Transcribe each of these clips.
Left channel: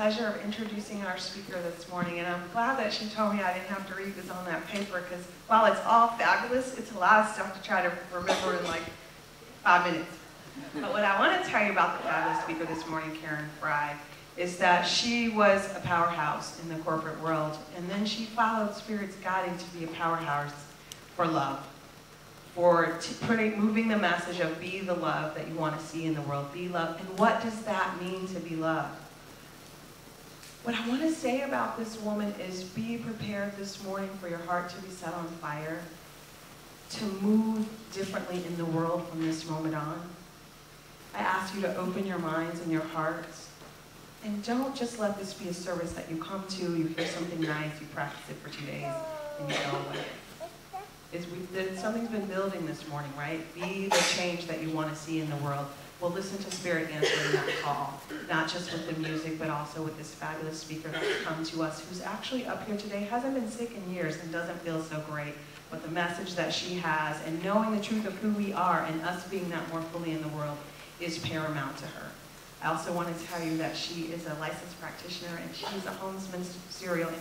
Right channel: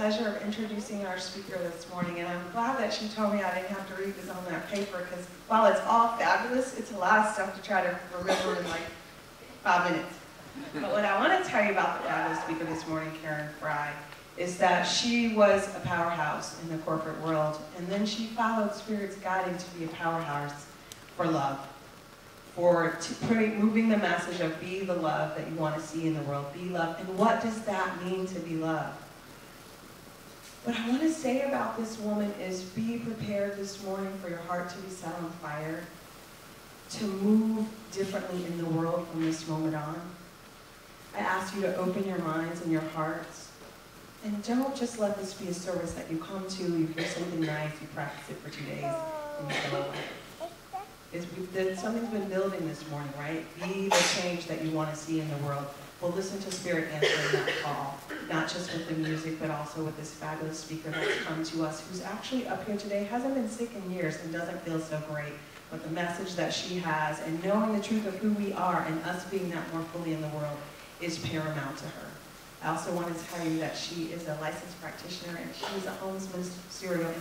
pleasure of introducing our speaker this morning, and I'm glad that she told me I didn't have to read this on that paper, because while it's all fabulous, it's a lot of stuff to try to remember in like 5 minutes. But what I want to tell you about the fabulous speaker this morning, Karen Fry, is that she was a powerhouse in the corporate world, and then she followed Spirit's guiding to be a powerhouse for love, for moving the message of be the love that you want to see in the world, be love. And what does that mean to be loved? What I want to say about this woman is be prepared this morning for your heart to be set on fire, to move differently in the world from this moment on. I ask you to open your minds and your hearts, and don't just let this be a service that you come to, you hear something nice, you practice it for 2 days, and you go away. Something's been building this morning, right? Be the change that you want to see in the world. Well, listen to Spirit answering that call, not just with the music, but also with this fabulous speaker that's come to us, who's actually up here today, hasn't been sick in years and doesn't feel so great. But the message that she has, and knowing the truth of who we are and us being that more fully in the world, is paramount to her. I also want to tell you that she is a licensed practitioner, and she's a Holmes Ministerial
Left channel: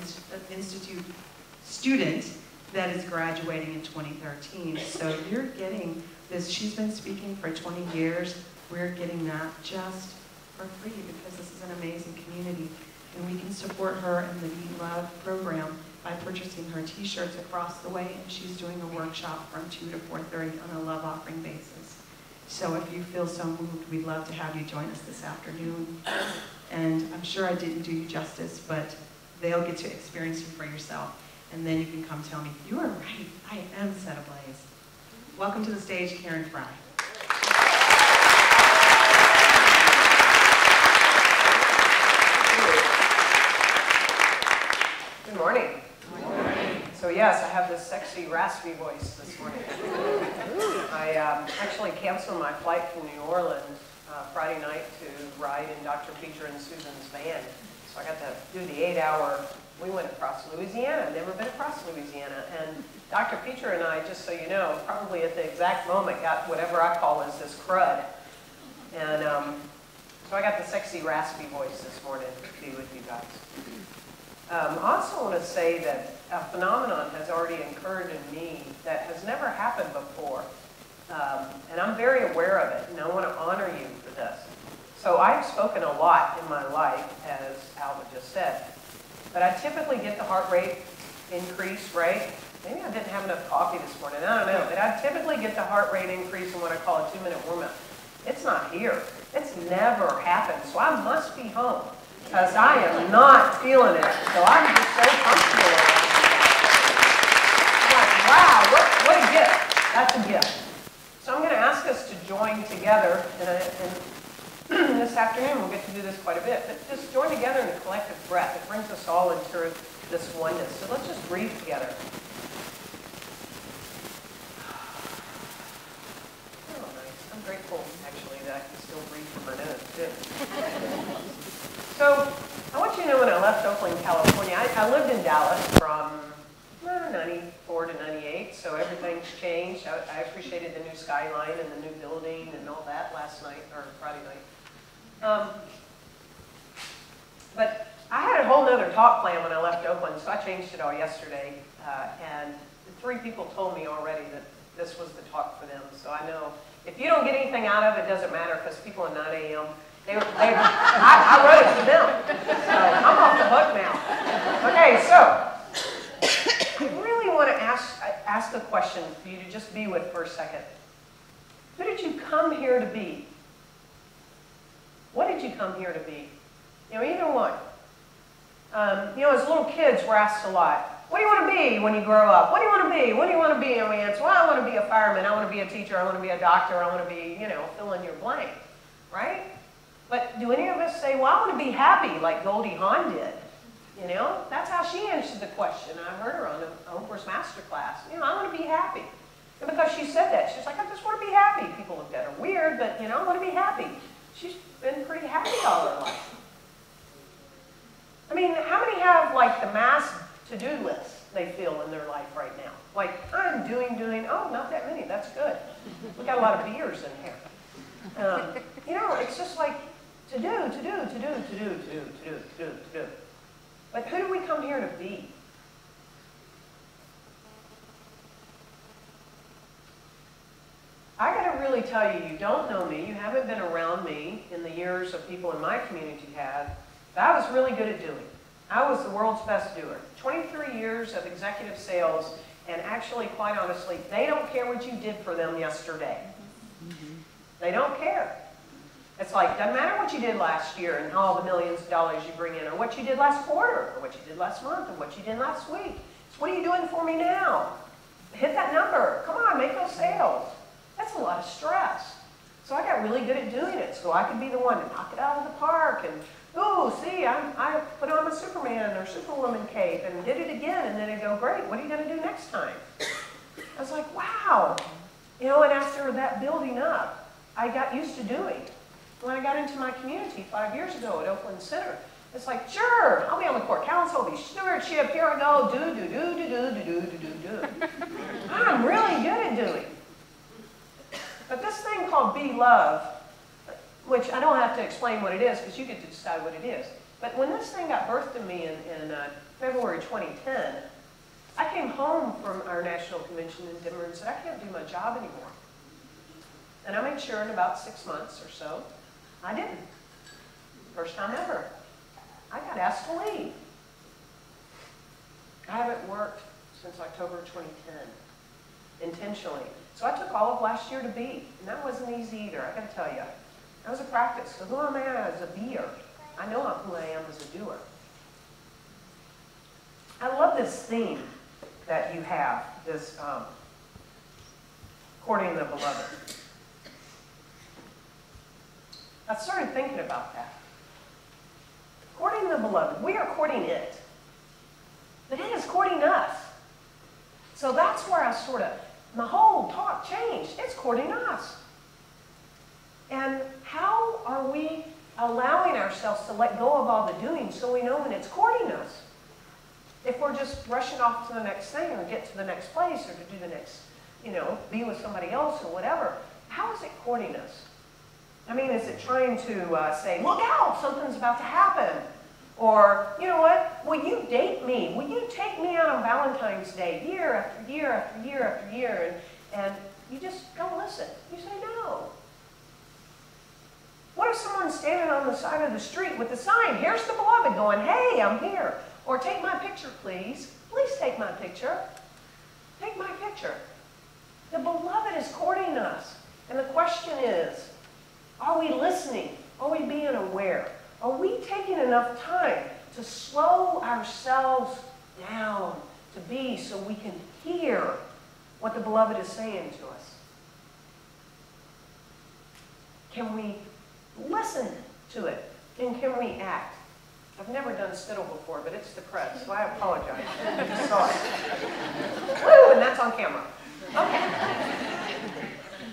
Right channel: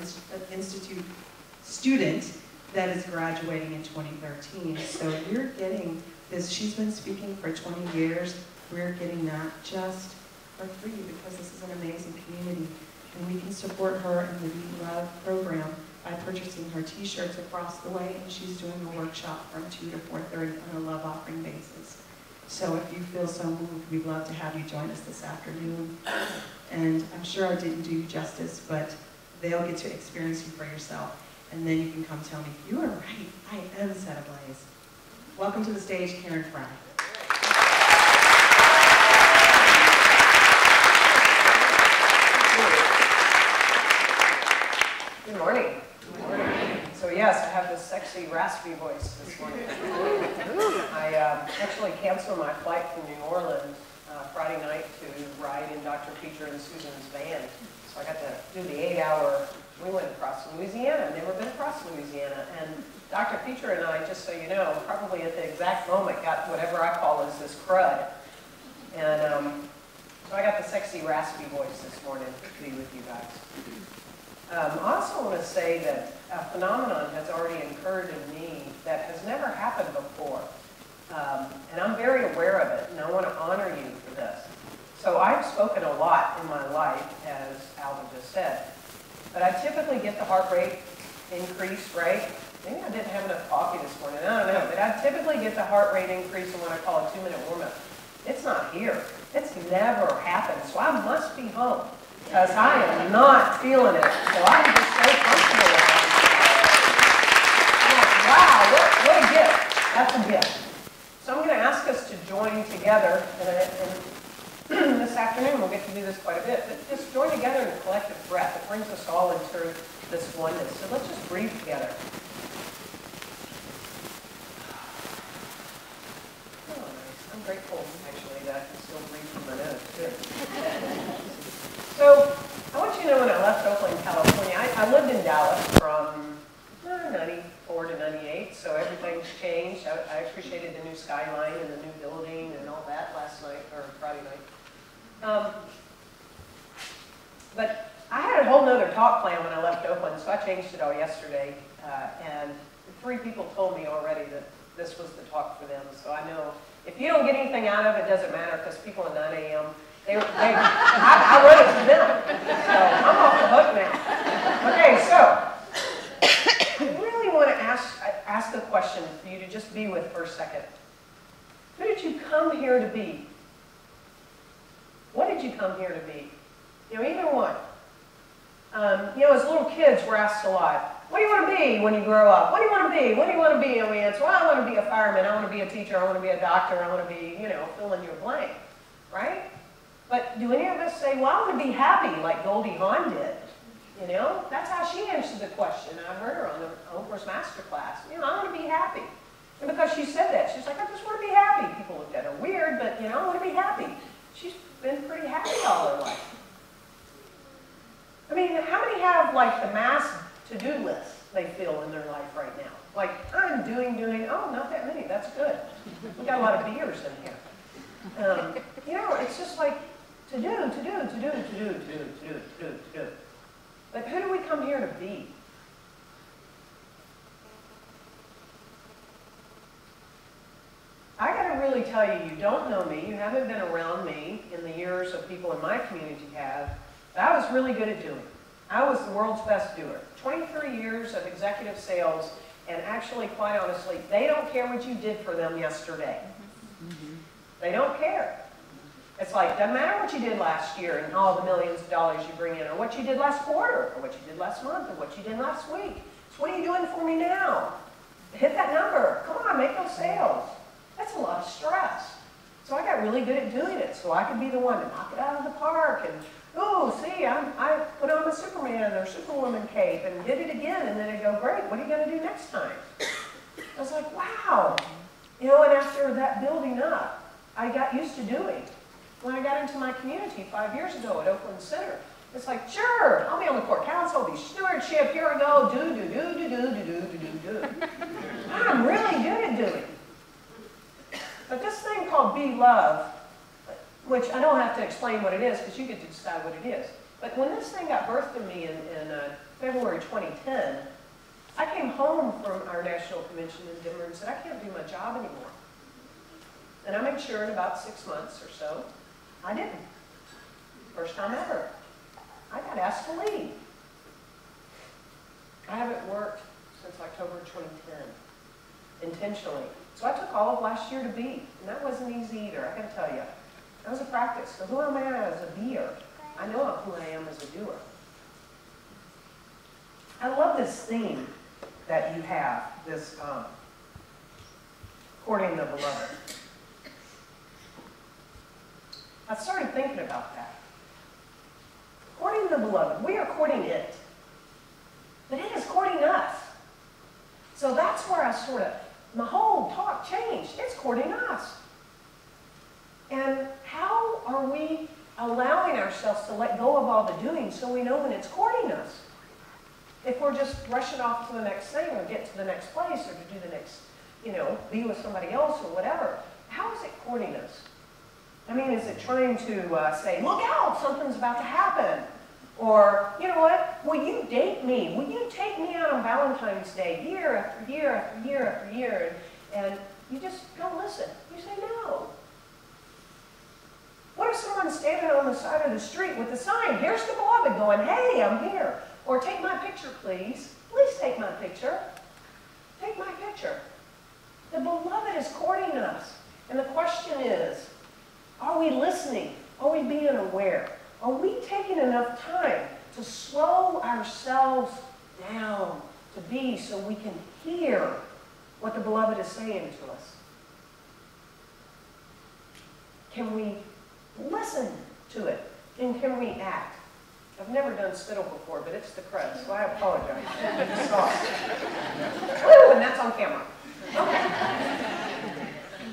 Institute student that is graduating in 2013. So you're getting this, she's been speaking for 20 years. We're getting that just for free because this is an amazing community. And we can support her in the Be Love program by purchasing her t-shirts across the way, and she's doing a workshop from 2 to 4:30 on a love offering basis. So if you feel so moved, we'd love to have you join us this afternoon. And I'm sure I didn't do you justice, but they'll get to experience you for yourself. And then you can come tell me, you are right, I am set ablaze. Welcome to the stage, Karen Fry. Good morning. Good morning. So yes, I have this sexy, raspy voice this morning. I actually canceled my flight from New Orleans Friday night to ride in Dr. Peter and Susan's van. So I got to do the 8-hour. We went across Louisiana. I've never been across Louisiana. And Dr. Peter and I, just so you know, probably at the exact moment got whatever I call is this crud. And so I got the sexy, raspy voice this morning to be with you guys. I also want to say that a phenomenon has already occurred in me that has never happened before. And I'm very aware of it, and I want to honor you for this. So I've spoken a lot in my life, as Alva just said. But I typically get the heart rate increase, right? Maybe I didn't have enough coffee this morning, I don't know. But I typically get the heart rate increase in what I call a 2-minute warm-up. It's not here. It's never happened. So I must be home, because I am not feeling it. So I'm just so comfortable with it. I'm like, wow, what a gift. That's a gift. So I'm going to ask us to join together, and this afternoon we'll get to do this quite a bit, but just join together in a collective breath. It brings us all into this oneness. So let's just breathe together. Oh, nice. I'm grateful, actually, that I can still breathe from my nose. Good. So I want you to know when I left Oakland, California, I lived in Dallas from 94 to 98, so everything's changed. I appreciated the new skyline and the new building and all that last night, or Friday night. But I had a whole nother talk plan when I left Oakland, so I changed it all yesterday. And 3 people told me already that this was the talk for them, so I know if you don't get anything out of it, it doesn't matter, because people at 9 a.m., I wrote it for them, so I'm off the hook now. Okay, so I really want to ask a question for you to just be with for a second. Who did you come here to be? What did you come here to be? You know, either one. You know, as little kids, we're asked a lot, what do you want to be when you grow up? What do you want to be? What do you want to be? And we answer, well, I want to be a fireman, I want to be a teacher, I want to be a doctor, I want to be, you know, fill in your blank, right? But do any of us say, well, I want to be happy like Goldie Hawn did? You know, that's how she answered the question. I heard her on Oprah's Masterclass. You know, I want to be happy. And because she said that, she's like, I just want to be happy. People looked at her weird, but, you know, I want to be happy. She's been pretty happy all her life. I mean, how many have, like, the mass to-do list they feel in their life right now? Like, I'm doing, oh, not that many, that's good. We got a lot of beers in here. You know, it's just like, to do. But who do we come here to be? I got to really tell you, you don't know me, you haven't been around me in the years of people in my community have, but I was really good at doing. I was the world's best doer. 23 years of executive sales, and actually, quite honestly, they don't care what you did for them yesterday. They don't care. It's like, doesn't matter what you did last year and all the millions of dollars you bring in, or what you did last quarter, or what you did last month, or what you did last week. It's what are you doing for me now? Hit that number. Come on, make those sales. That's a lot of stress. So I got really good at doing it, so I could be the one to knock it out of the park and, oh, see, I put on a Superman or Superwoman cape and did it again, and then I'd go, great, what are you going to do next time? I was like, wow. You know, and after that building up, I got used to doing. When I got into my community 5 years ago at Oakland Center, it's like, sure, I'll be on the court council, I'll be stewardship, here I go, do. I'm really good at doing. But this thing called Be Love, which I don't have to explain what it is because you get to decide what it is. But when this thing got birthed in me in February 2010, I came home from our national convention in Denver and said, I can't do my job anymore. And I made sure in about 6 months or so, I didn't. First time ever. I got asked to leave. I haven't worked since October 2010, intentionally. So I took all of last year to be, and that wasn't easy either, I gotta tell you. That was a practice. So who am I as a beer? I know who I am as a doer. I love this theme that you have, this courting the beloved. I started thinking about that. Courting the beloved, we are courting it. But it is courting us. So that's where I sort of, the whole talk changed. It's courting us. And how are we allowing ourselves to let go of all the doing so we know when it's courting us? If we're just rushing off to the next thing or get to the next place or to do the next, you know, be with somebody else or whatever, how is it courting us? I mean, is it trying to say, look out, something's about to happen? Or, you know what, will you date me? Will you take me out on Valentine's Day year after year after year after year? And you just don't listen. You say no. What if someone's standing on the side of the street with a sign, here's the beloved, going, hey, I'm here. Or take my picture, please. Please take my picture. Take my picture. The beloved is courting us. And the question is, are we listening? Are we being aware? Are we taking enough time to slow ourselves down to be so we can hear what the beloved is saying to us? Can we listen to it? And can we act? I've never done spittle before, but it's the press, so I apologize. I just saw it. Woo, and that's on camera. Okay.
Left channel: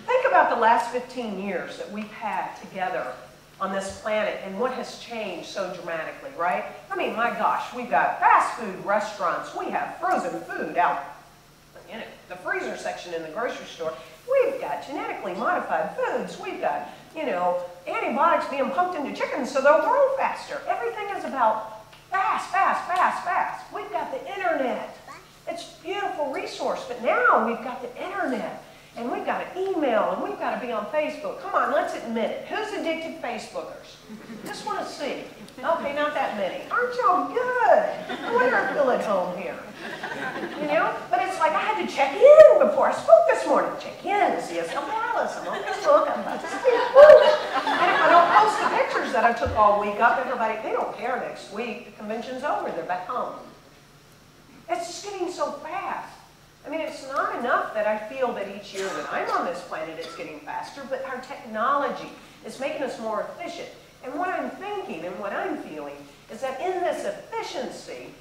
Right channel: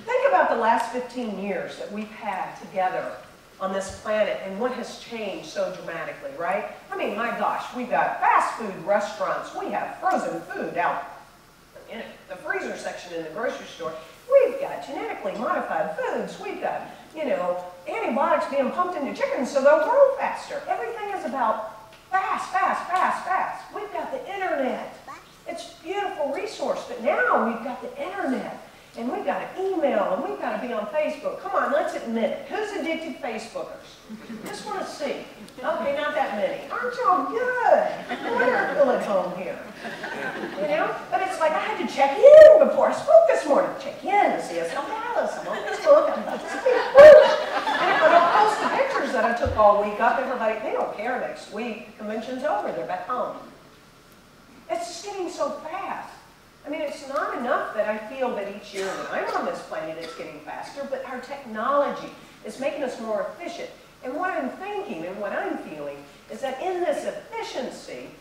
Think about the last 15 years that we've had together on this planet and what has changed so dramatically, right? I mean, my gosh, we've got fast food restaurants. We have frozen food out in the freezer section in the grocery store. We've got genetically modified foods. We've got, you know, antibiotics being pumped into chickens so they'll grow faster. Everything is about fast, fast, fast, fast. We've got the internet. It's a beautiful resource, but now we've got the internet. And we've got to email, and we've got to be on Facebook. Come on, let's admit it. Who's addicted Facebookers? Just want to see. Okay, not that many. Aren't y'all good? No wonder I feel at home here. You know? But it's like I had to check in before I spoke this morning. Check in to CSLDallas. I'm on Facebook. I'm about to speak. Woo! And if I don't post the pictures that I took all week up, everybody, they don't care next week. The convention's over. They're back home. It's just getting so fast. I mean, it's not enough that I feel that each year that I'm on this planet it's getting faster, but our technology is making us more efficient. And what I'm thinking and what I'm feeling is that in this efficiency,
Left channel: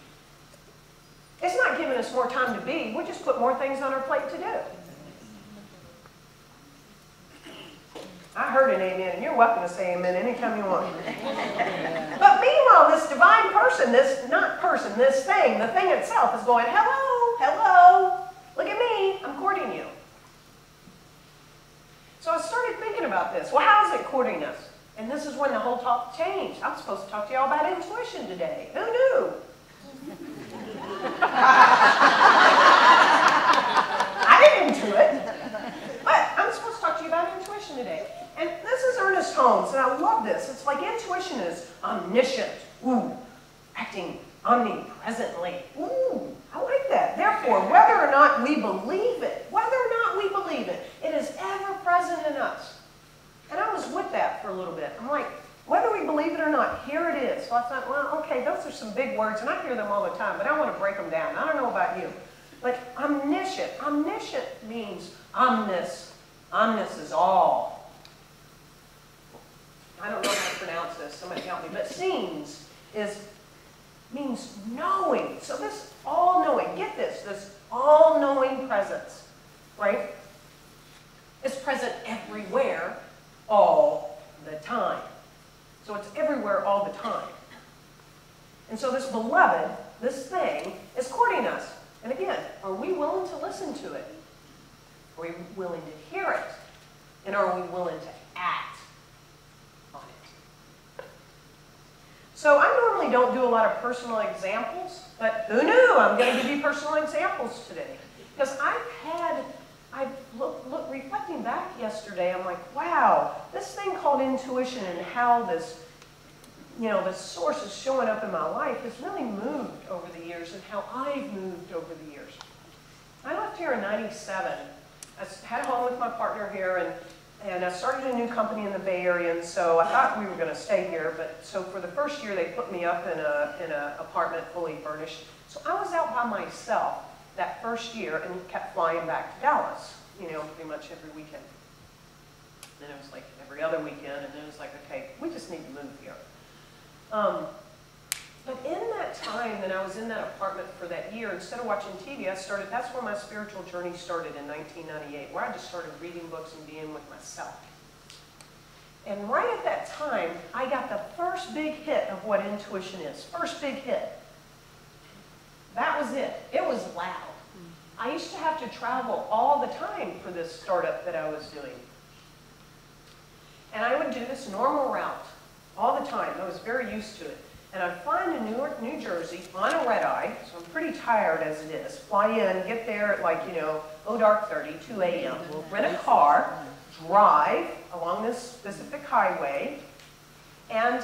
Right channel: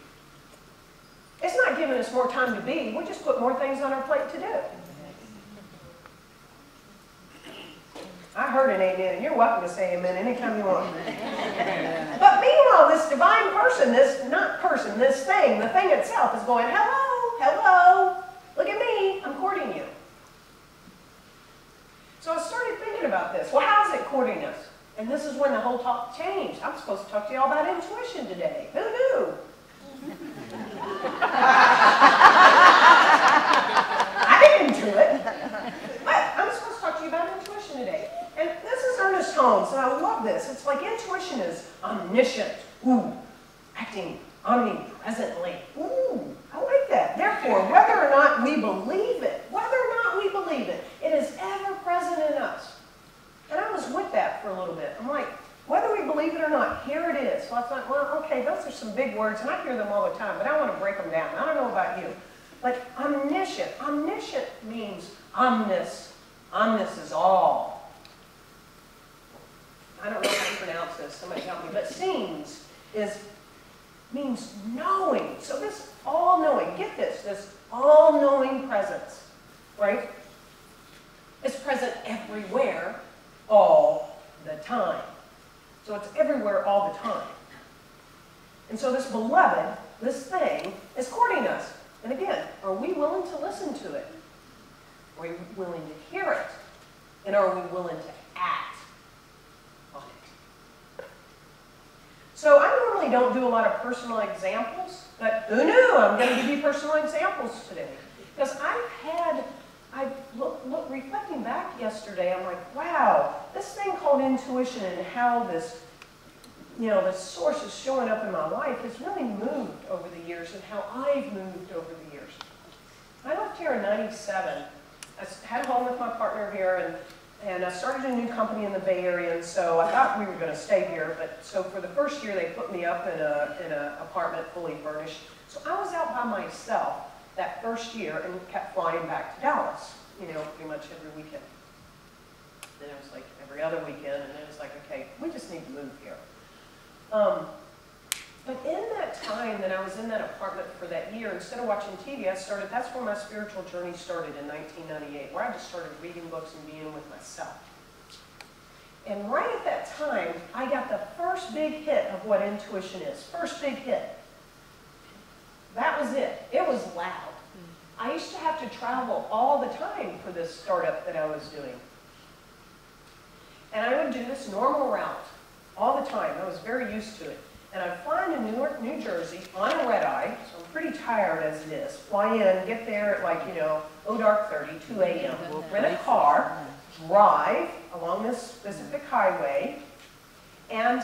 it's not giving us more time to be, we just put more things on our plate to do. I heard an amen, and you're welcome to say amen anytime you want. But meanwhile, this divine person, this thing, the thing itself is going, hello, hello. Look at me, I'm courting you. So I started thinking about this. Well, how is it courting us? And this is when the whole talk changed. I'm supposed to talk to y'all about intuition today. Who knew? I didn't intuit. But I'm supposed to talk to you about intuition today. And this is Ernest Holmes, and I love this. It's like intuition is omniscient. Ooh, acting omnipresently. Ooh, I like that. Therefore, whether or not we believe it, it is ever present in us. And I was with that for a little bit. I'm like, whether we believe it or not, here it is. So I thought, well, okay, those are some big words, and I hear them all the time, but I want to break them down. I don't know about you. Like omniscient. Omniscient means omnis. Omnis is all. I don't know how to pronounce this. Somebody help me. But seems means knowing. So this all-knowing, get this all-knowing presence, right? It's present everywhere, all the time. So it's everywhere all the time. And so this beloved, this thing, is courting us. And again, are we willing to listen to it? Are we willing to hear it? And are we willing to act on it? So I normally don't do a lot of personal examples, but who knew? I'm going to give you personal examples today. Because reflecting back yesterday, I'm like, wow, this thing called intuition and how this, this source is showing up in my life has really moved over the years and how I've moved over the years. I left here in '97. I had a home with my partner here, and I started a new company in the Bay Area, and so I thought we were going to stay here, but so for the first year they put me up in an apartment fully furnished. So I was out by myself that first year and kept flying back to Dallas, pretty much every weekend. Then it was like every other weekend, and then it was like, okay, we just need to move here. But in that time that I was in that apartment for that year, instead of watching TV, that's where my spiritual journey started in 1998, where I just started reading books and being with myself. And right at that time, I got the first big hit of what intuition is. First big hit. That was it. It was loud. I used to have to travel all the time for this startup that I was doing. And I would do this normal route all the time. I was very used to it. And I'd fly into Newark, New Jersey on a red eye, so I'm pretty tired as it is. Fly in, get there at like, dark 30, 2 a.m. Rent a car, drive along this specific highway, and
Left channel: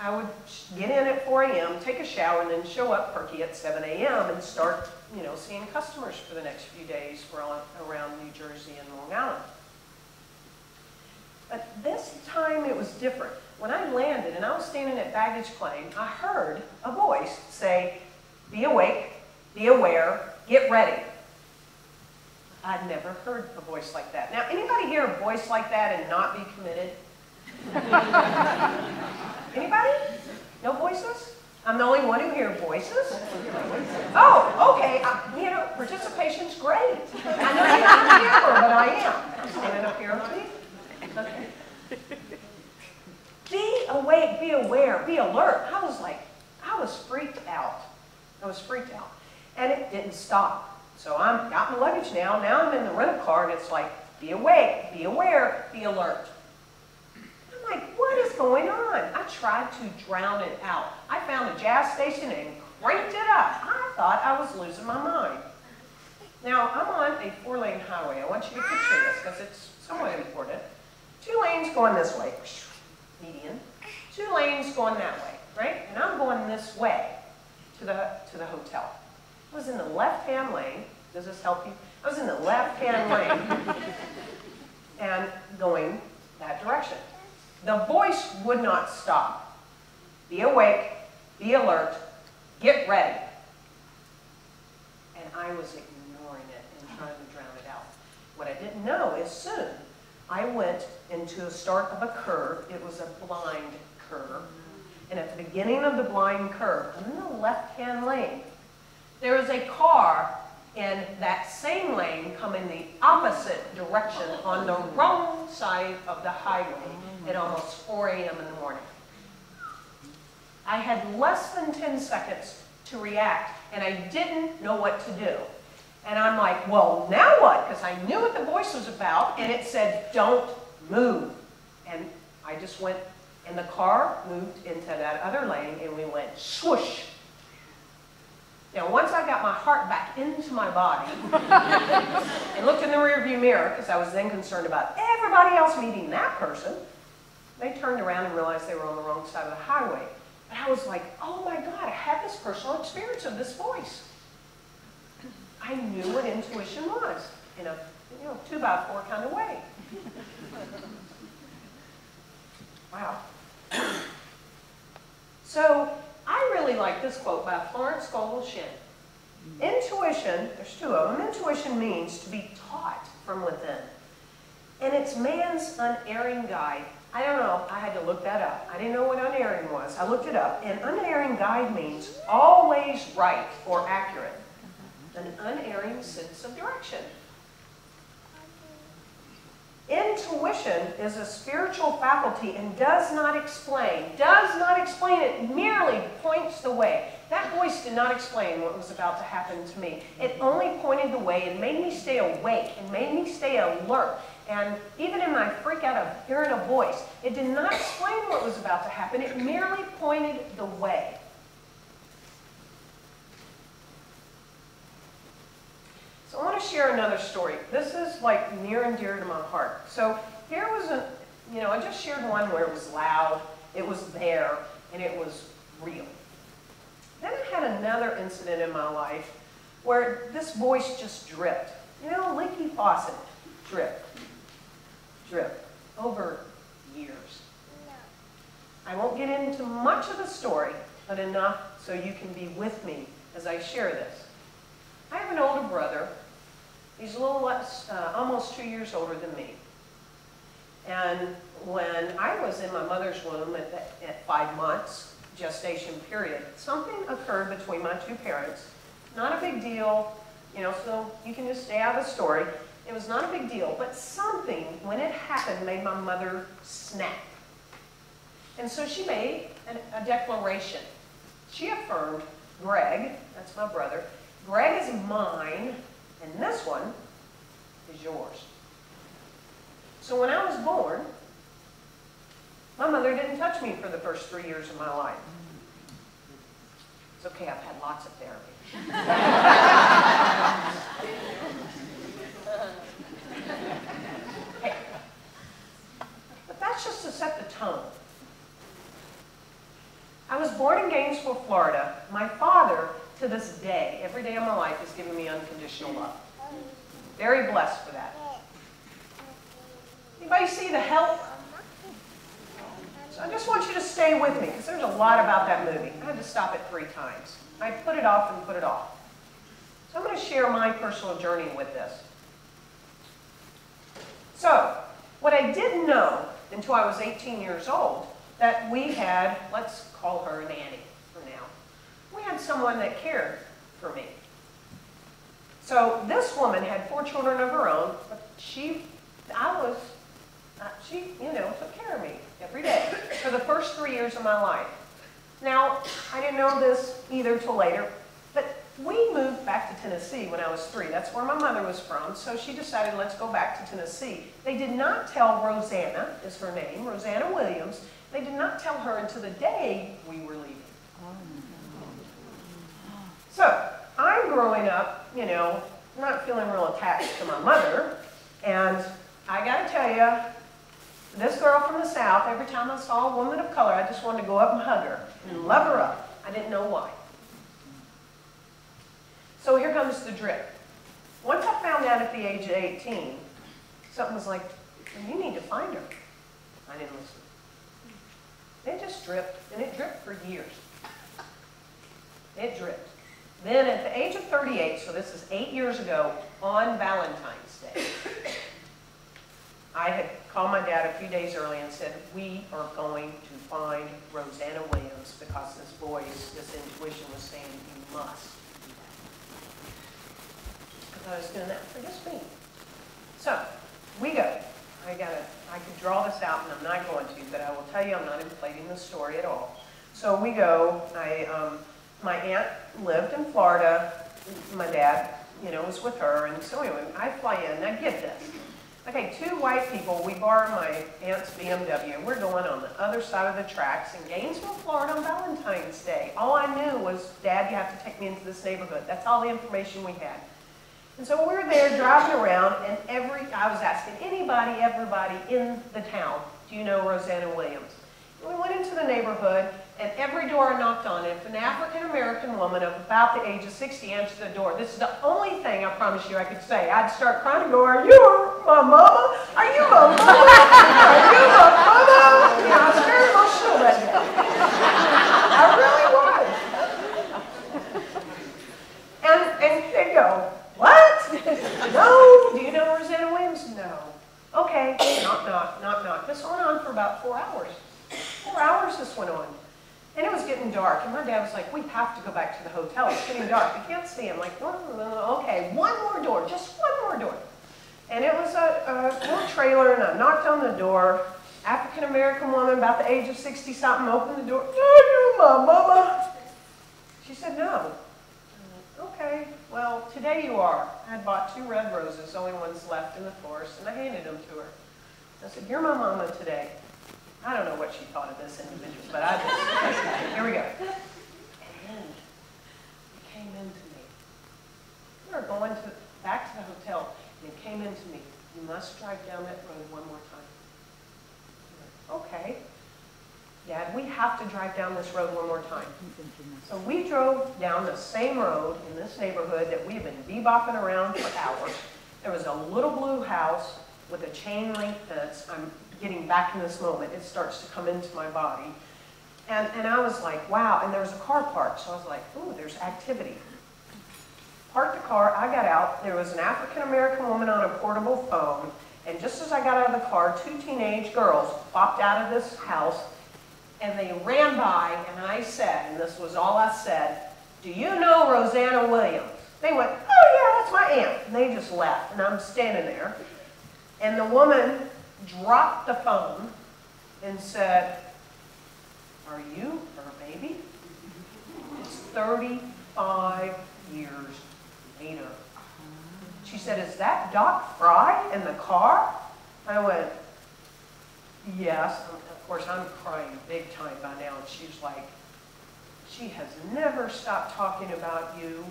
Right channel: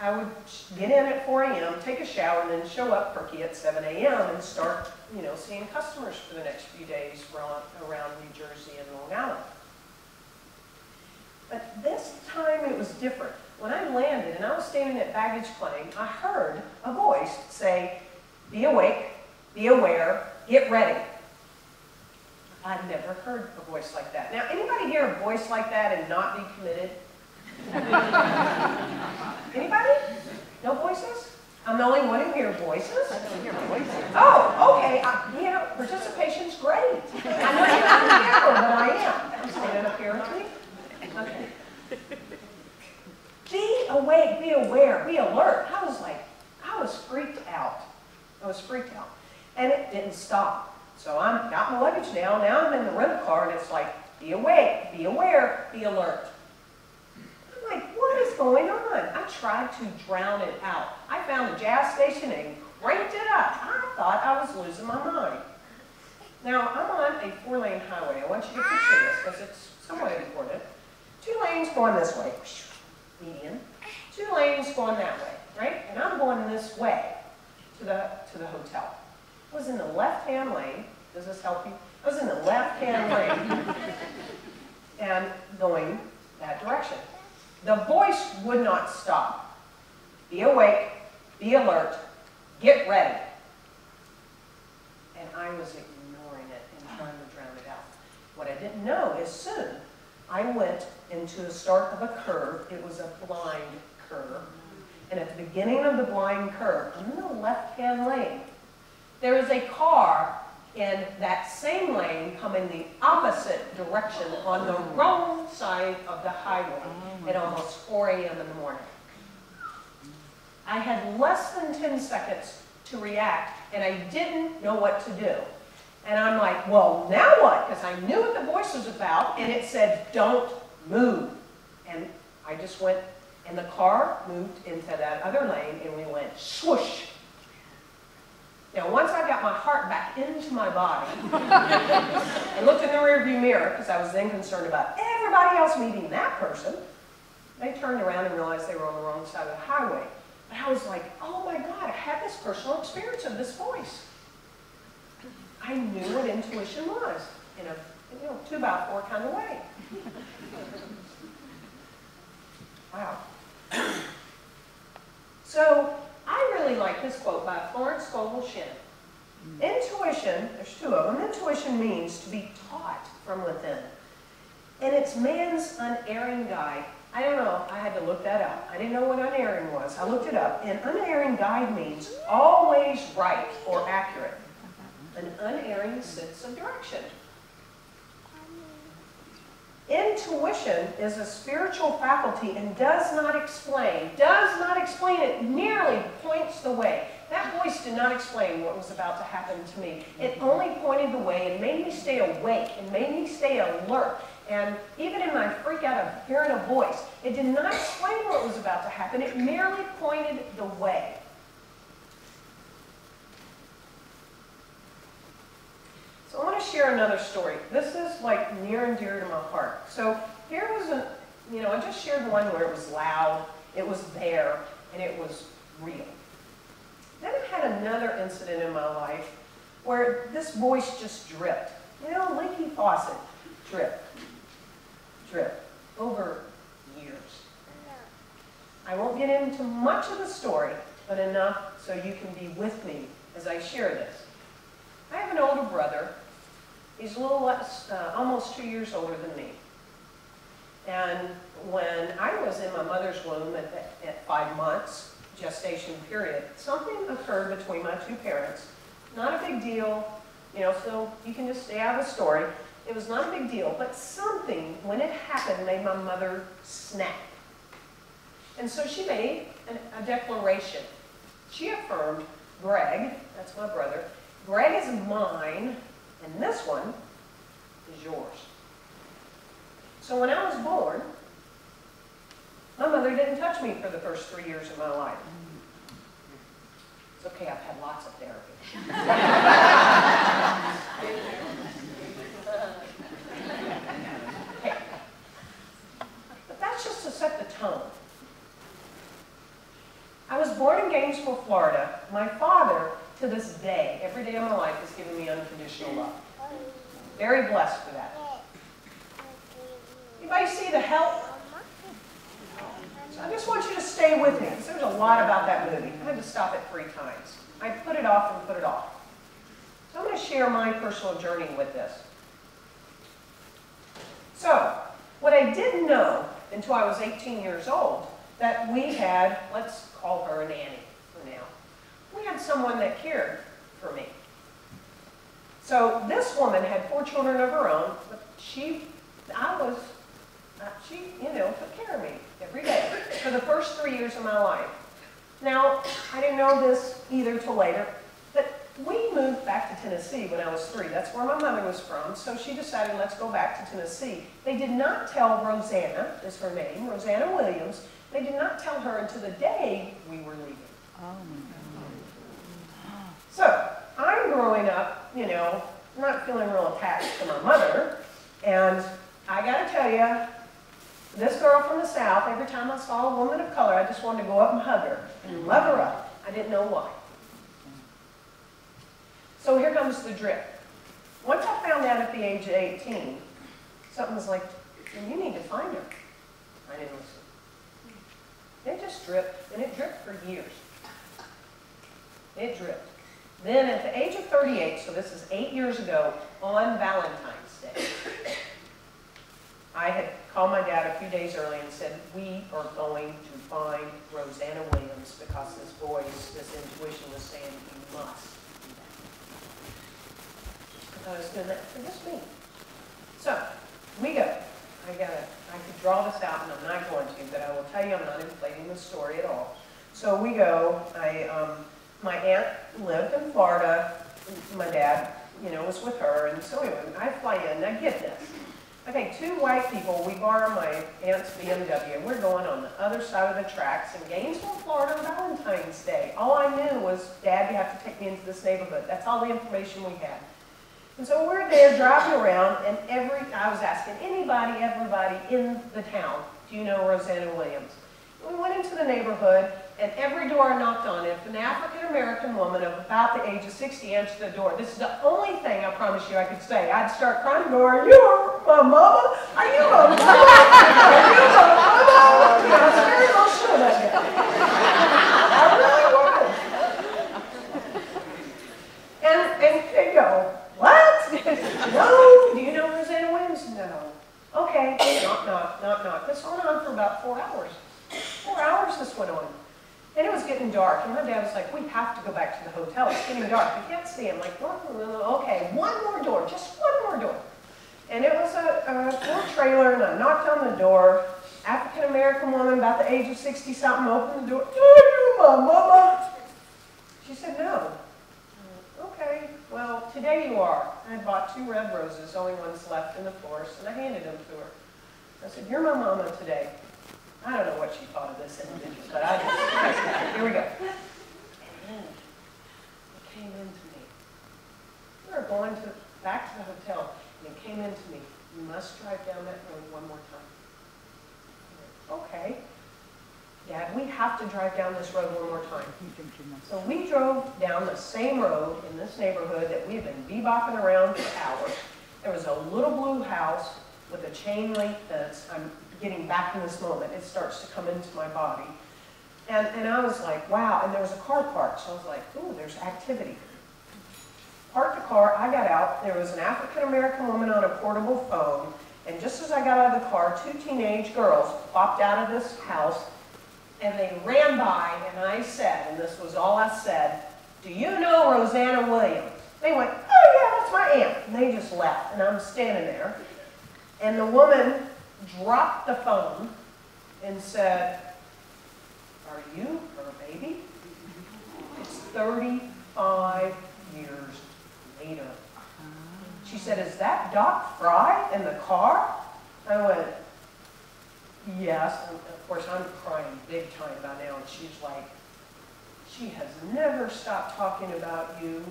I would get in at 4 a.m., take a shower, and then show up perky at 7 a.m. and start, seeing customers for the next few days around New Jersey and Long Island. But this time it was different. When I landed and I was standing at baggage claim, I heard a voice say, "Be awake, be aware, get ready." I'd never heard a voice like that. Now, anybody hear a voice like that and not be committed? Anybody? No voices? I'm the only one who hears voices? Oh, okay. Participation's great. I know you're not in the camera, but I am. I'm standing up here with me. Okay. Be awake, be aware, be alert. I was freaked out. I was freaked out. And it didn't stop. So I've got my luggage now. Now I'm in the rental car, and it's like, be awake, be aware, be alert. I'm like, what is going on? I tried to drown it out. I found a jazz station and cranked it up. I thought I was losing my mind. Now, I'm on a 4-lane highway. I want you to picture this because it's somewhat important. 2 lanes going this way, median. 2 lanes going that way, right? And I'm going this way to the hotel. I was in the left-hand lane. Does this help you? I was in the left-hand lane and going that direction. The voice would not stop. Be awake, be alert, get ready. And I was ignoring it and trying to drown it out. What I didn't know is soon I went into the start of a curve. It was a blind curve. And at the beginning of the blind curve, in the left-hand lane, there was a car in that same lane coming the opposite direction on the wrong side of the highway at almost 4 a.m. in the morning. I had less than 10 seconds to react, and I didn't know what to do. And I'm like, well, now what? Because I knew what the voice was about, and it said, don't move. And I just went And the car moved into that other lane, and we went swoosh. Now, once I got my heart back into my body and looked in the rearview mirror, because I was then concerned about everybody else meeting that person, they turned around and realized they were on the wrong side of the highway. But I was like, oh my God, I had this personal experience of this voice. I knew what intuition was in a 2x4 kind of way. Wow. So I really like this quote by Florence Scovel Shinn. Intuition, there's two of them, intuition means to be taught from within. And it's man's unerring guide. I don't know, I had to look that up. I didn't know what unerring was. I looked it up. And unerring guide means always right or accurate. An unerring sense of direction. Intuition is a spiritual faculty and does not explain. It merely points the way. That voice did not explain what was about to happen to me. It only pointed the way and made me stay awake and made me stay alert. And even in my freak out of hearing a voice, it did not explain what was about to happen. It merely pointed the way. So I want to share another story. This is like near and dear to my heart. So here was I just shared one where it was loud, it was there, and it was real. Then I had another incident in my life where this voice just dripped. Leaky faucet, drip, drip, over years. I won't get into much of the story, but enough so you can be with me as I share this. I have an older brother. He's a little less, almost 2 years older than me. And when I was in my mother's womb at 5 months, gestation period, something occurred between my two parents. Not a big deal, so you can just stay out of the story. It was not a big deal, but something, when it happened, made my mother snap. And so she made a declaration. She affirmed, Greg, that's my brother, Greg is mine, and this one is yours. So when I was born, my mother didn't touch me for the first 3 years of my life. It's okay, I've had lots of therapy. Hey. But that's just to set the tone. I was born in Gainesville, Florida. My father, to this day, every day of my life, has given me unconditional love. Very blessed for that. Anybody see The Help? So I just want you to stay with me, because there's a lot about that movie. I had to stop it 3 times. I put it off and put it off. So I'm going to share my personal journey with this. So, what I didn't know until I was 18 years old, that we had, let's call her a nanny for now. We had someone that cared for me. So this woman had 4 children of her own, but she took care of me every day for the first 3 years of my life. Now, I didn't know this either till later, but we moved back to Tennessee when I was 3. That's where my mother was from, so she decided, let's go back to Tennessee. They did not tell Rosanna, is her name, Rosanna Williams, they did not tell her until the day we were leaving. So, I'm growing up, not feeling real attached to my mother, and I gotta tell you, this girl from the South, every time I saw a woman of color, I just wanted to go up and hug her and love her up. I didn't know why. So here comes the drip. Once I found out at the age of 18, something was like, you need to find her. I didn't listen. It just dripped, and it dripped for years. It dripped. Then at the age of 38, so this is 8 years ago, on Valentine's Day, I had called my dad a few days early and said, we are going to find Rosanna Williams because this voice, this intuition was saying, you must do that. Because I was doing that for just me. So, we go. I could draw this out, and I'm not going to, but I will tell you I'm not inflating the story at all. So we go. My aunt lived in Florida. My dad, was with her. And so anyway, I fly in. Now get this. Okay, two white people, we borrowed my aunt's BMW. We're going on the other side of the tracks in Gainesville, Florida on Valentine's Day. All I knew was, Dad, you have to take me into this neighborhood. That's all the information we had. And so we're there driving around, and I was asking anybody, everybody in the town, do you know Rosanna Williams? And we went into the neighborhood, and every door I knocked on, if an African-American woman of about the age of 60 answered the door, this is the only thing I promise you I could say. I'd start crying and go, are you my mama? Are you my mama? Are you my mama? You know, I was very emotional that day. I really was. And they go, what? No. Do you know Rosanna Williams? No. Okay. Knock, knock, knock, knock. This went on for about 4 hours. 4 hours this went on. And it was getting dark, and my dad was like, we have to go back to the hotel. It's getting dark. We can't see. I'm like, okay, one more door, just one more door. And it was a little trailer, and I knocked on the door. African-American woman, about the age of 60-something, opened the door. Are you my mama? She said, no. Okay, well, today you are. I had bought 2 red roses, only ones left in the forest, and I handed them to her. I said, you're my mama today. I don't know what she thought of this individual, but I just, here we go. And it came into me. We were going back to the hotel, and it came into me. You must drive down that road one more time. I went, okay. Dad, we have to drive down this road one more time. So we drove down the same road in this neighborhood that we had been bebopping around for hours. There was a little blue house with a chain link fence. I'm getting back in this moment. It starts to come into my body. And I was like, wow. And there was a car parked. So I was like, ooh, there's activity. Parked the car. I got out. There was an African-American woman on a portable phone. And just as I got out of the car, 2 teenage girls popped out of this house. And they ran by, and I said, and this was all I said, do you know Rosanna Williams? They went, oh yeah, that's my aunt. And they just left. And I'm standing there. And the woman dropped the phone and said, are you her baby? It's 35 years later. She said, is that Doc Fry in the car? I went, yes. Of course, I'm crying big time by now. And she's like, she has never stopped talking about you.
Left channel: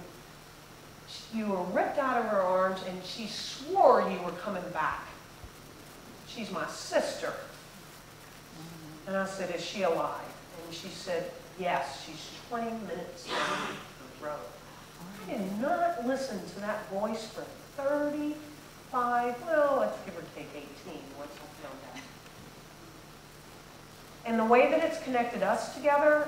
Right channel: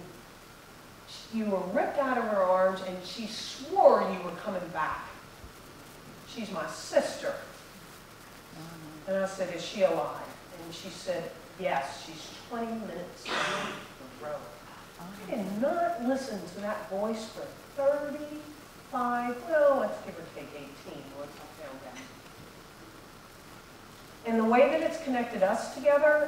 You were ripped out of her arms, and she swore you were coming back. She's my sister. And I said, is she alive? And she said, yes, she's 20 minutes down the road. I did not listen to that voice for 35, well, let's give or take 18, once I found out. And the way that it's connected us together,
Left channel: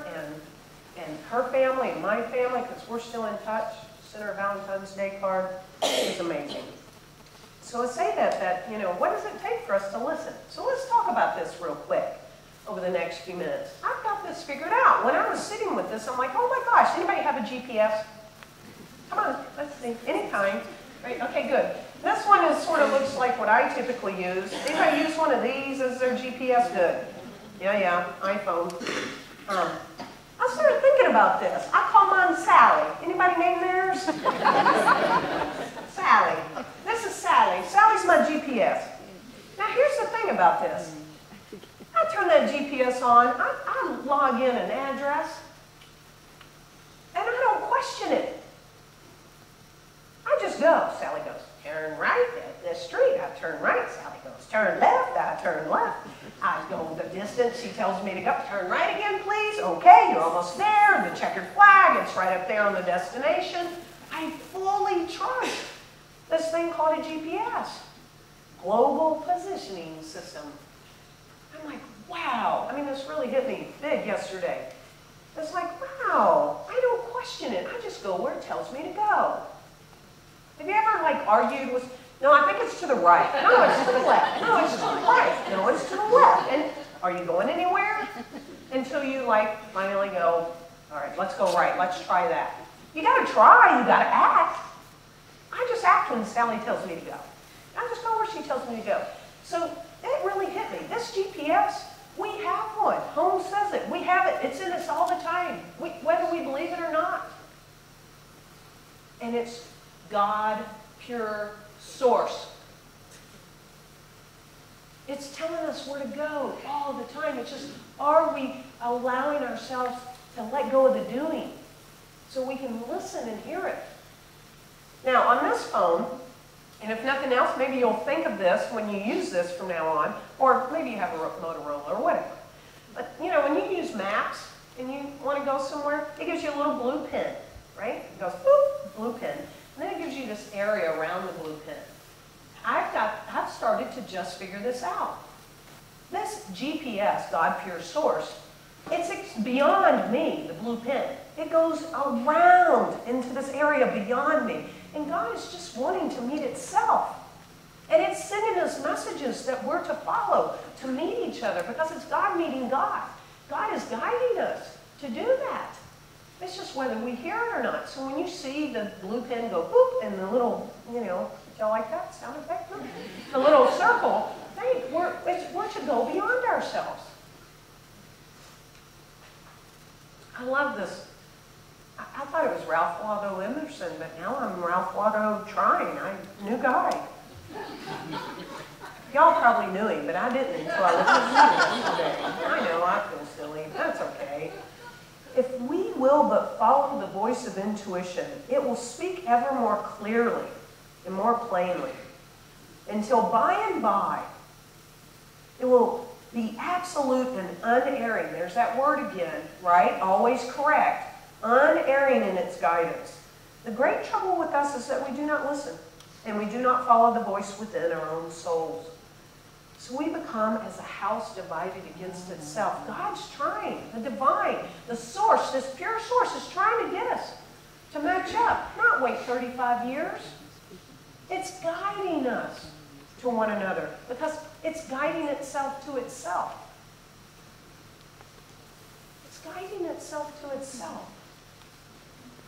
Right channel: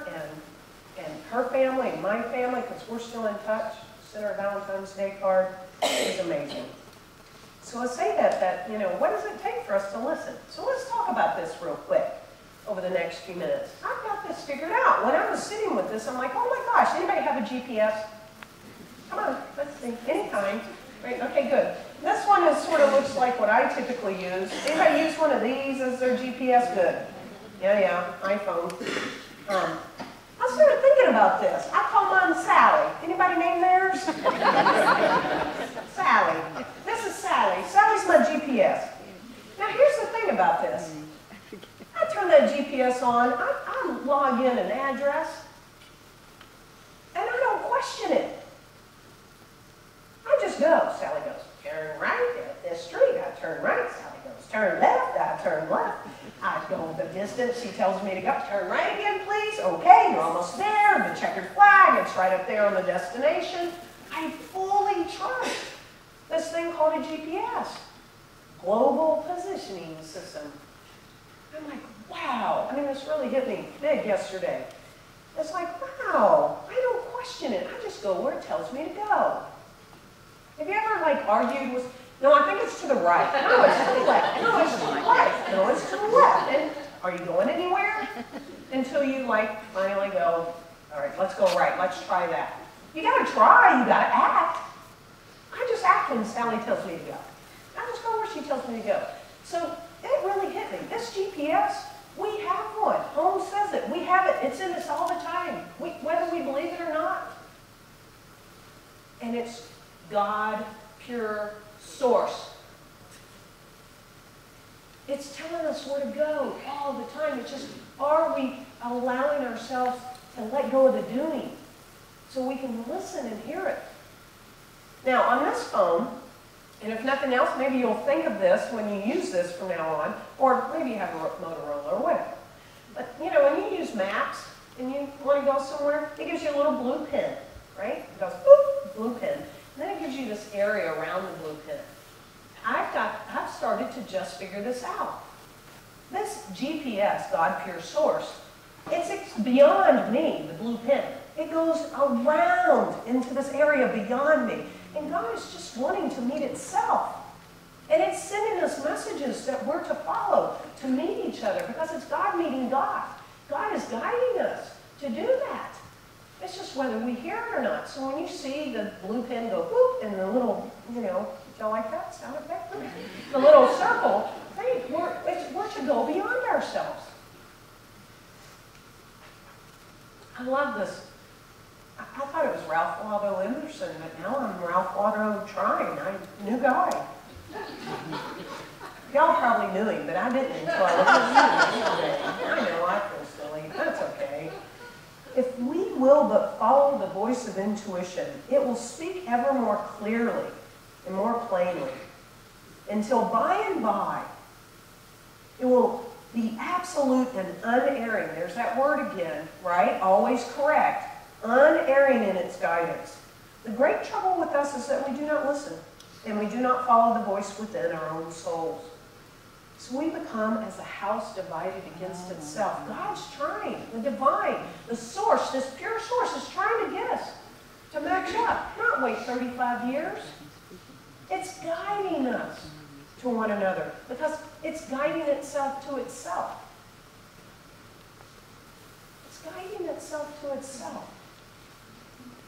and her family and my family, because we're still in touch, sent her a Valentine's Day card, is amazing. So I say that, you know, what does it take for us to listen? So let's talk about this real quick over the next few minutes. I've got this figured out. When I was sitting with this, I'm like, oh my gosh, anybody have a GPS? Come on, let's see, any kind. Right, okay, good. This one is sort of looks like what I typically use. Anybody use one of these as their GPS? Good. Yeah, iPhone. I started thinking about this. I call mine Sally. Anybody name theirs? Sally. This is Sally. Sally's my GPS. Now here's the thing about this. I turn that GPS on, I log in an address, and I don't question it. I just go. Sally goes, turn right at this street. I turn right. Sally goes, turn left. I turn left. I go the distance she tells me to go. Turn right again, please. Okay, you're almost there. The checkered flag, it's right up there on the destination. I fully trust this thing called a GPS, Global Positioning System. I'm like, wow. I mean, this really hit me big yesterday. It's like, wow, I don't question it. I just go where it tells me to go. Have you ever, like, argued with, no, I think it's to the right. No, it's to the left. No, it's to the right. No, it's to the left. And are you going anywhere? Until you, like, finally go, all right, let's go right. Let's try that. You got to try. You got to act. I just act when Sally tells me to go. I just go where she tells me to go. So it really hit me. This GPS, we have one. Holmes says it. We have it. It's in us all the time, whether we believe it or not. And it's God, pure source. It's telling us where to go all the time. It's just, are we allowing ourselves to let go of the doing so we can listen and hear it? Now, on this phone, and if nothing else, maybe you'll think of this when you use this from now on, or maybe you have a Motorola or whatever. But, you know, when you use maps and you want to go somewhere, it gives you a little blue pin, right? It goes, boop, blue pin. And then it gives you this area around the blue pin. I've started to just figure this out. This GPS, God Pure Source, it's beyond me, the blue pin. It goes around into this area beyond me. And God is just wanting to meet itself. And it's sending us messages that we're to follow, to meet each other, because it's God meeting God. God is guiding us to do that. It's just whether we hear it or not. So when you see the blue pin go boop, and the little, you know, did y'all like that sound effect? The little circle, think we're to go beyond ourselves. I love this. I thought it was Ralph Waldo Emerson, but now I'm Ralph Waldo Trine. I'm a new guy. Y'all probably knew him, but I didn't until I looked at him today. I know, I feel silly. That's okay. If we will but follow the voice of intuition, it will speak ever more clearly and more plainly, until by and by, it will be absolute and unerring. There's that word again, right? Always correct. Unerring in its guidance. The great trouble with us is that we do not listen, and we do not follow the voice within our own souls. So we become as a house divided against itself. God's trying, the divine, the source, this pure source is trying to get us to match up, not wait 35 years. It's guiding us to one another because it's guiding itself to itself. It's guiding itself to itself.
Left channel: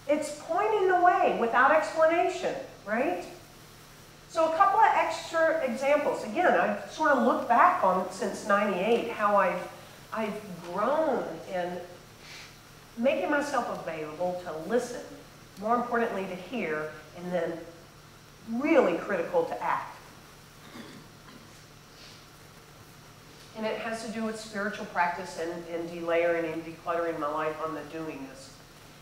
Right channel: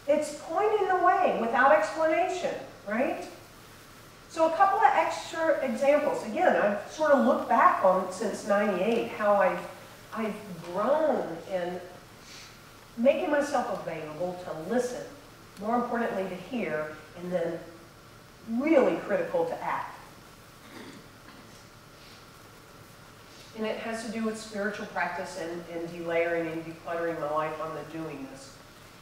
It's pointing the way without explanation, right? So a couple of extra examples. Again, I've sort of looked back on since '98 how I've grown in making myself available to listen, more importantly to hear, and then really critical to act. And it has to do with spiritual practice and delayering and decluttering my life on the doingness.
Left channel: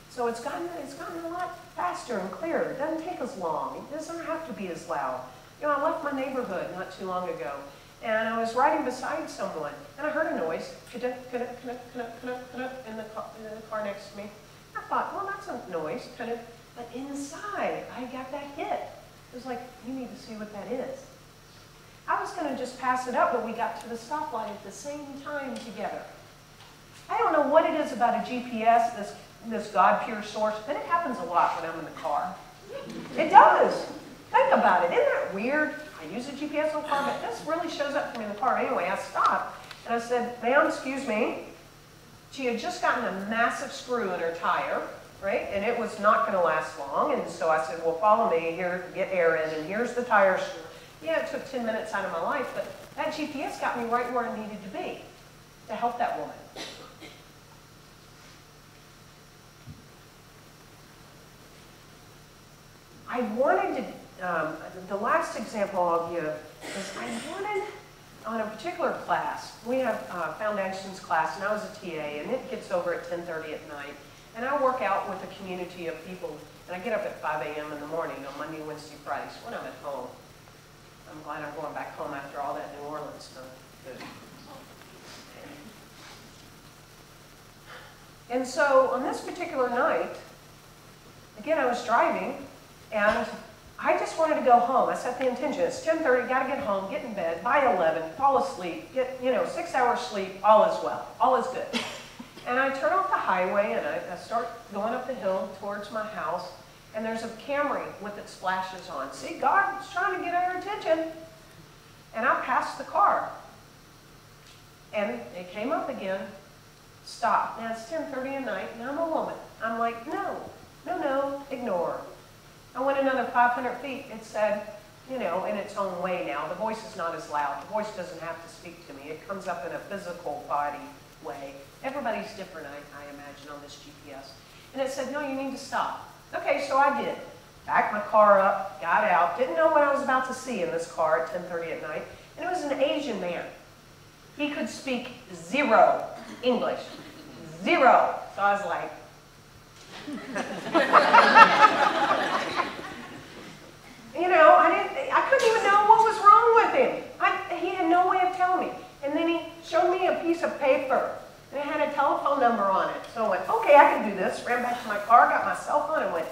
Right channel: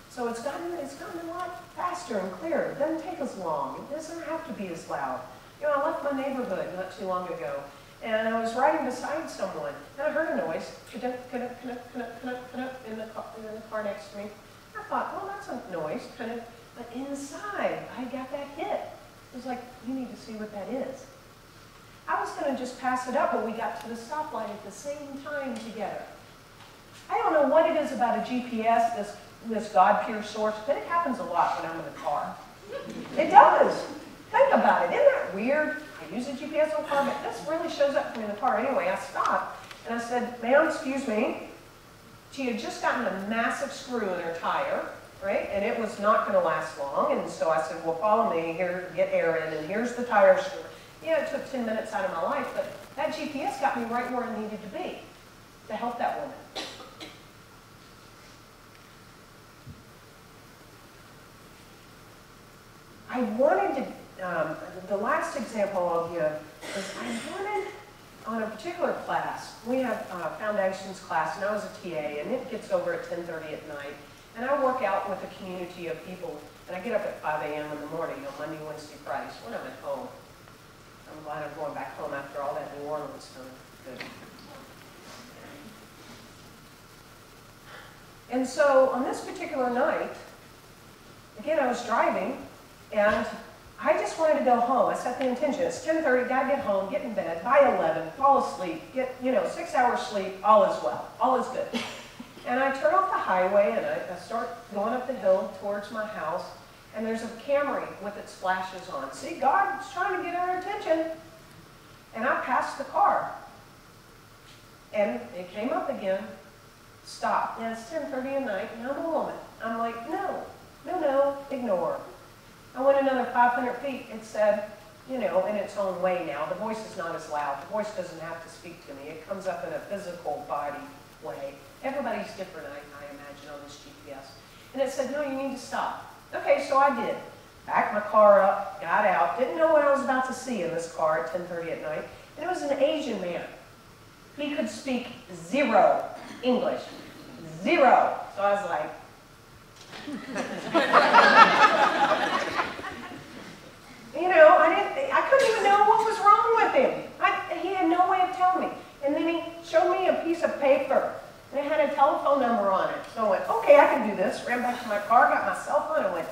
So it's gotten a lot faster and clearer. It doesn't take as long. It doesn't have to be as loud. You know, I left my neighborhood not too long ago, and I was riding beside someone, and I heard a noise, in the car next to me. I thought, well, that's a noise, but inside, I got that hit. It was like, you need to see what that is. I was going to just pass it up, but we got to the stoplight at the same time together. I don't know what it is about a GPS, this God Pure Source, but it happens a lot when I'm in the car. It does. Think about it. Isn't that weird? I use a GPS on the car, but this really shows up for me in the car. Anyway, I stopped, and I said, ma'am, excuse me. She had just gotten a massive screw in her tire, right? And it was not going to last long. And so I said, well, follow me here, get air in, and here's the tire screw. Yeah, it took 10 minutes out of my life, but that GPS got me right where I needed to be to help that woman. I wanted to, the last example I'll give is I wanted, on a particular class, we have a foundations class, and I was a TA, and it gets over at 10:30 at night. And I work out with a community of people, and I get up at 5 a.m. in the morning on Monday, Wednesday, Fridays when I'm at home. I'm glad I'm going back home after all that New Orleans stuff. Good. And so on this particular night, again, I was driving, and I just wanted to go home. I set the intention. It's 10:30, got to get home, get in bed, by 11, fall asleep, get, 6 hours sleep, all is well, all is good. And I turn off the highway, and I start going up the hill towards my house, and there's a Camry with its flashes on. See, God's trying to get our attention. And I passed the car, and it came up again, stopped. Now, it's 10:30 at night, and I'm a woman. I'm like, no, ignore. I went another 500 feet. It said, in its own way now. The voice is not as loud. The voice doesn't have to speak to me. It comes up in a physical body way. Everybody's different, I imagine, on this GPS. And it said, no, you need to stop. Okay, so I did. backed my car up, got out, didn't know what I was about to see in this car at 10:30 at night, and it was an Asian man. He could speak zero English, zero. So I was like, you know, I couldn't even know what was wrong with him. He had no way of telling me. And then he showed me a piece of paper, and it had a telephone number on it. So I went, okay, I can do this. Ran back to my car, got my cell phone, and went,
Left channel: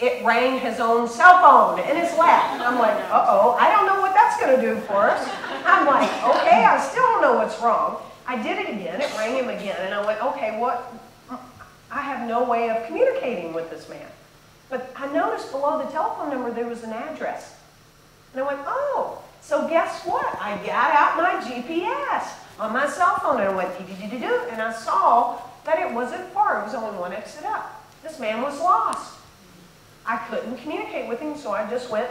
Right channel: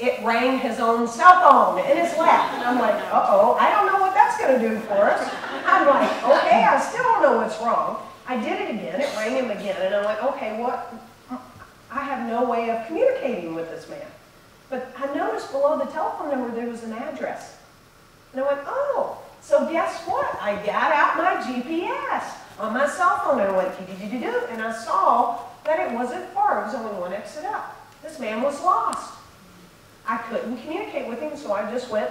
it rang his own cell phone in his lap. And I'm like, uh-oh, I don't know what that's going to do for us. I'm like, okay, I still don't know what's wrong. I did it again. It rang him again. And I went, okay, what? I have no way of communicating with this man. But I noticed below the telephone number there was an address. And I went, oh, so guess what? I got out my GPS on my cell phone and I went, dee-dee-dee-dee-doo, and I saw that it wasn't far. It was only one exit up. This man was lost. I couldn't communicate with him, so I just went.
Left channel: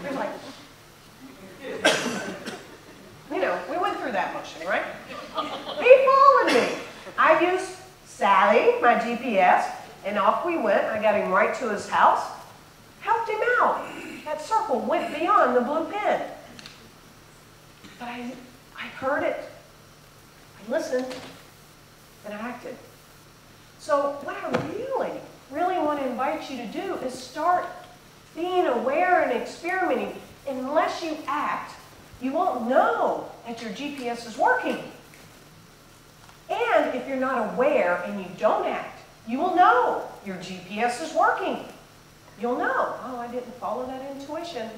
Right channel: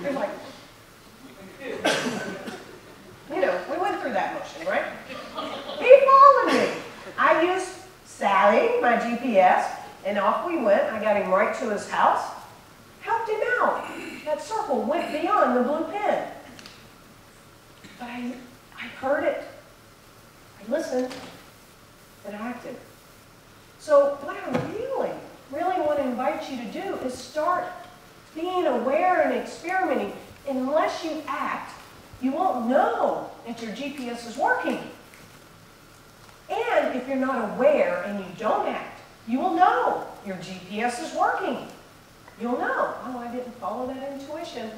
He was like, you know, we went through that motion, right? He followed me. I used Sally, my GPS, and off we went. I got him right to his house, helped him out. That circle went beyond the blue pin. But I heard it. I listened. And acted. So what I really want to invite you to do is start being aware and experimenting. Unless you act, you won't know that your GPS is working. And if you're not aware and you don't act, you will know your GPS is working. You'll know, oh, I didn't follow that intuition.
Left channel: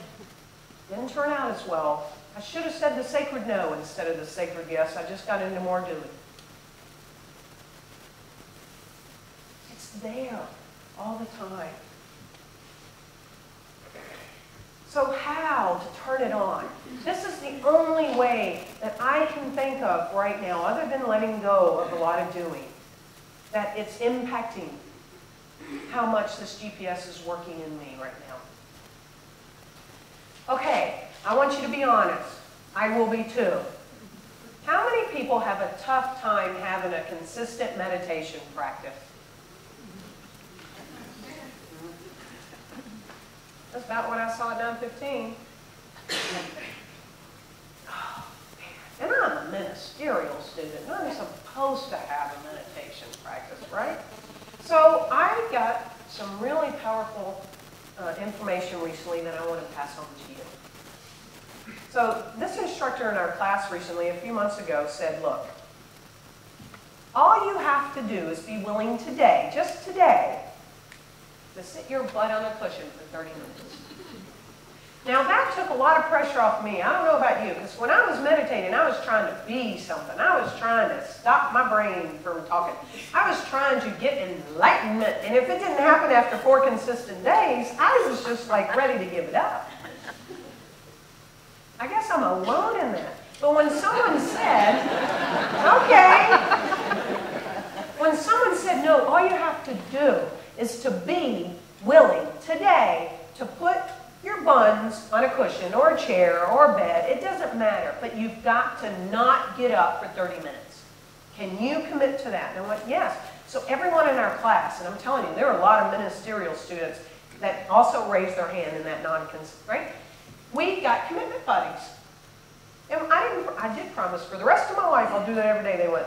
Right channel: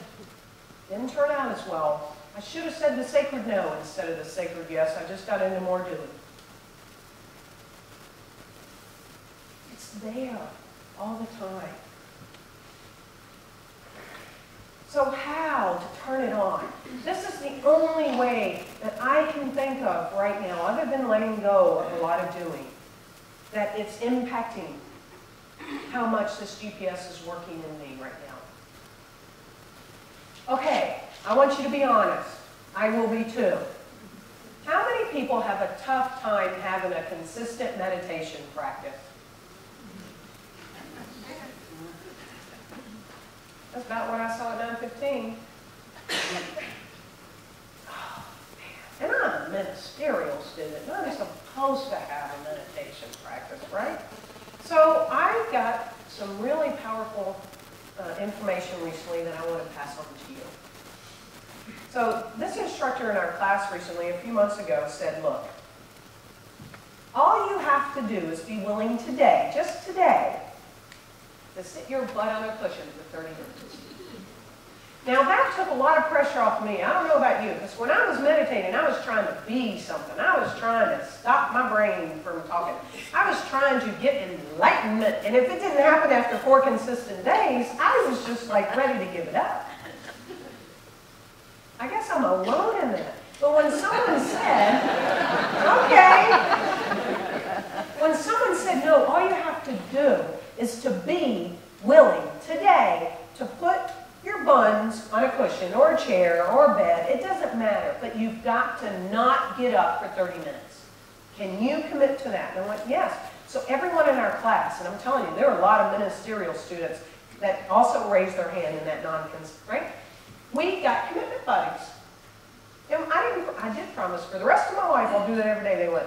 Didn't turn out as well. I should have said the sacred no instead of the sacred yes. I just got into more doing. There all the time. So how to turn it on? This is the only way that I can think of right now, other than letting go of a lot of doing, that it's impacting how much this GPS is working in me right now. Okay, I want you to be honest. I will be too. How many people have a tough time having a consistent meditation practice? That's about what I saw at 9:15. Oh, man. And I'm a ministerial student. I'm supposed to have a meditation practice, right? So I got some really powerful information recently that I want to pass on to you. So this instructor in our class recently, a few months ago, said, look, all you have to do is be willing today, just today, to sit your butt on a cushion for 30 minutes. Now that took a lot of pressure off me. I don't know about you, because when I was meditating, I was trying to be something. I was trying to stop my brain from talking. I was trying to get enlightenment, and if it didn't happen after 4 consistent days, I was just like ready to give it up. I guess I'm alone in that. But when someone said, okay, when someone said, no, all you have to do is to be willing today to put your buns on a cushion or a chair or a bed. It doesn't matter, but you've got to not get up for 30 minutes. Can you commit to that? And I went, yes. So everyone in our class, and I'm telling you, there are a lot of ministerial students that also raised their hand in that non-consent, right? We got commitment buddies. And I did promise for the rest of my life I'll do that every day. They went,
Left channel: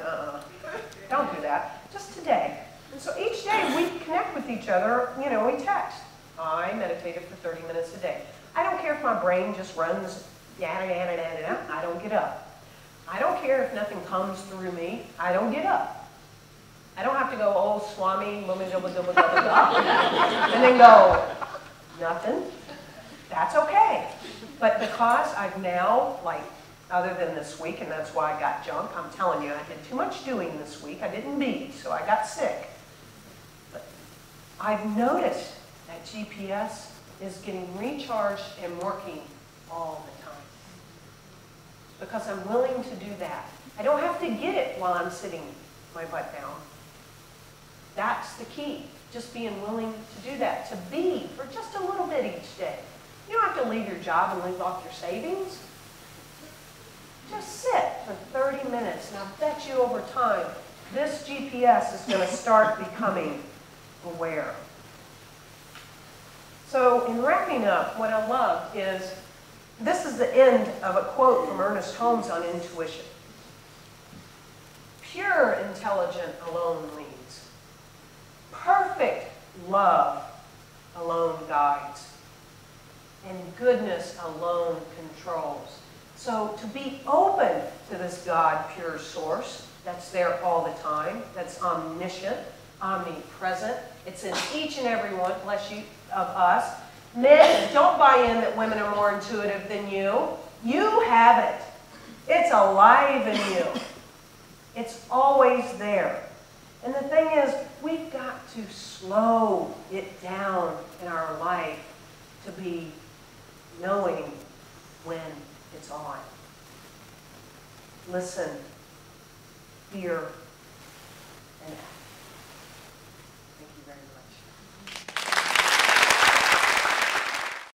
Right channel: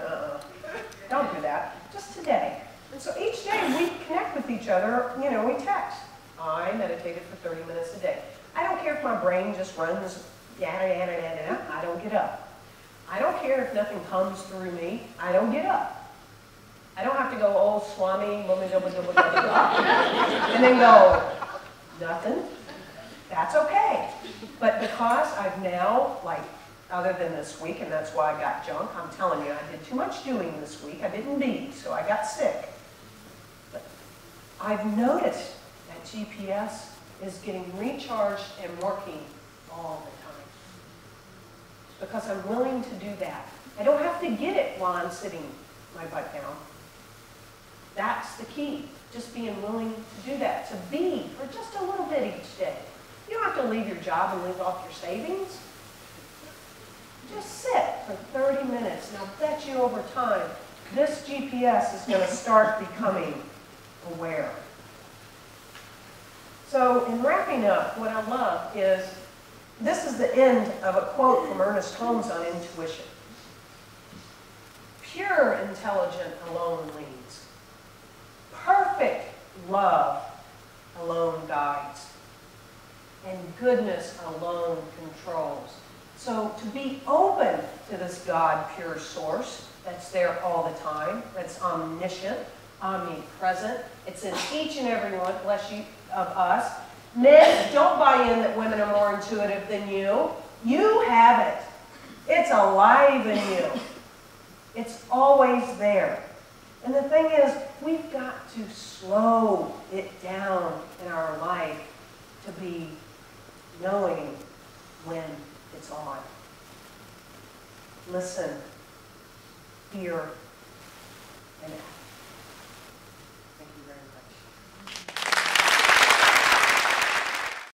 don't do that. Just today. And so each day we connect with each other, you know, we text. I meditated for 30 minutes a day. I don't care if my brain just runs, yada, yada, yada, yada. I don't get up. I don't care if nothing comes through me. I don't get up. I don't have to go, oh, Swami, blah, blah, blah, blah, blah, blah, and then go, nothing. That's okay. But because I've now, like, other than this week, and that's why I got junk, I'm telling you, I did too much doing this week. I didn't be, so I got sick. But I've noticed that GPS is getting recharged and working all the time. Because I'm willing to do that. I don't have to get it while I'm sitting my butt down. That's the key. Just being willing to do that. To be for just a little bit each day. You don't have to leave your job and live off your savings. Just sit for 30 minutes, and I'll bet you over time, this GPS is going to start becoming aware. So in wrapping up, what I love is, this is the end of a quote from Ernest Holmes on intuition. Pure intelligence alone leads. Perfect love alone guides. And goodness alone controls. So to be open to this God pure source that's there all the time, that's omniscient, omnipresent, it's in each and every one, bless you, of us. Men, don't buy in that women are more intuitive than you. You have it. It's alive in you. It's always there. And the thing is, we've got to slow it down in our life to be knowing when it's on. Listen, fear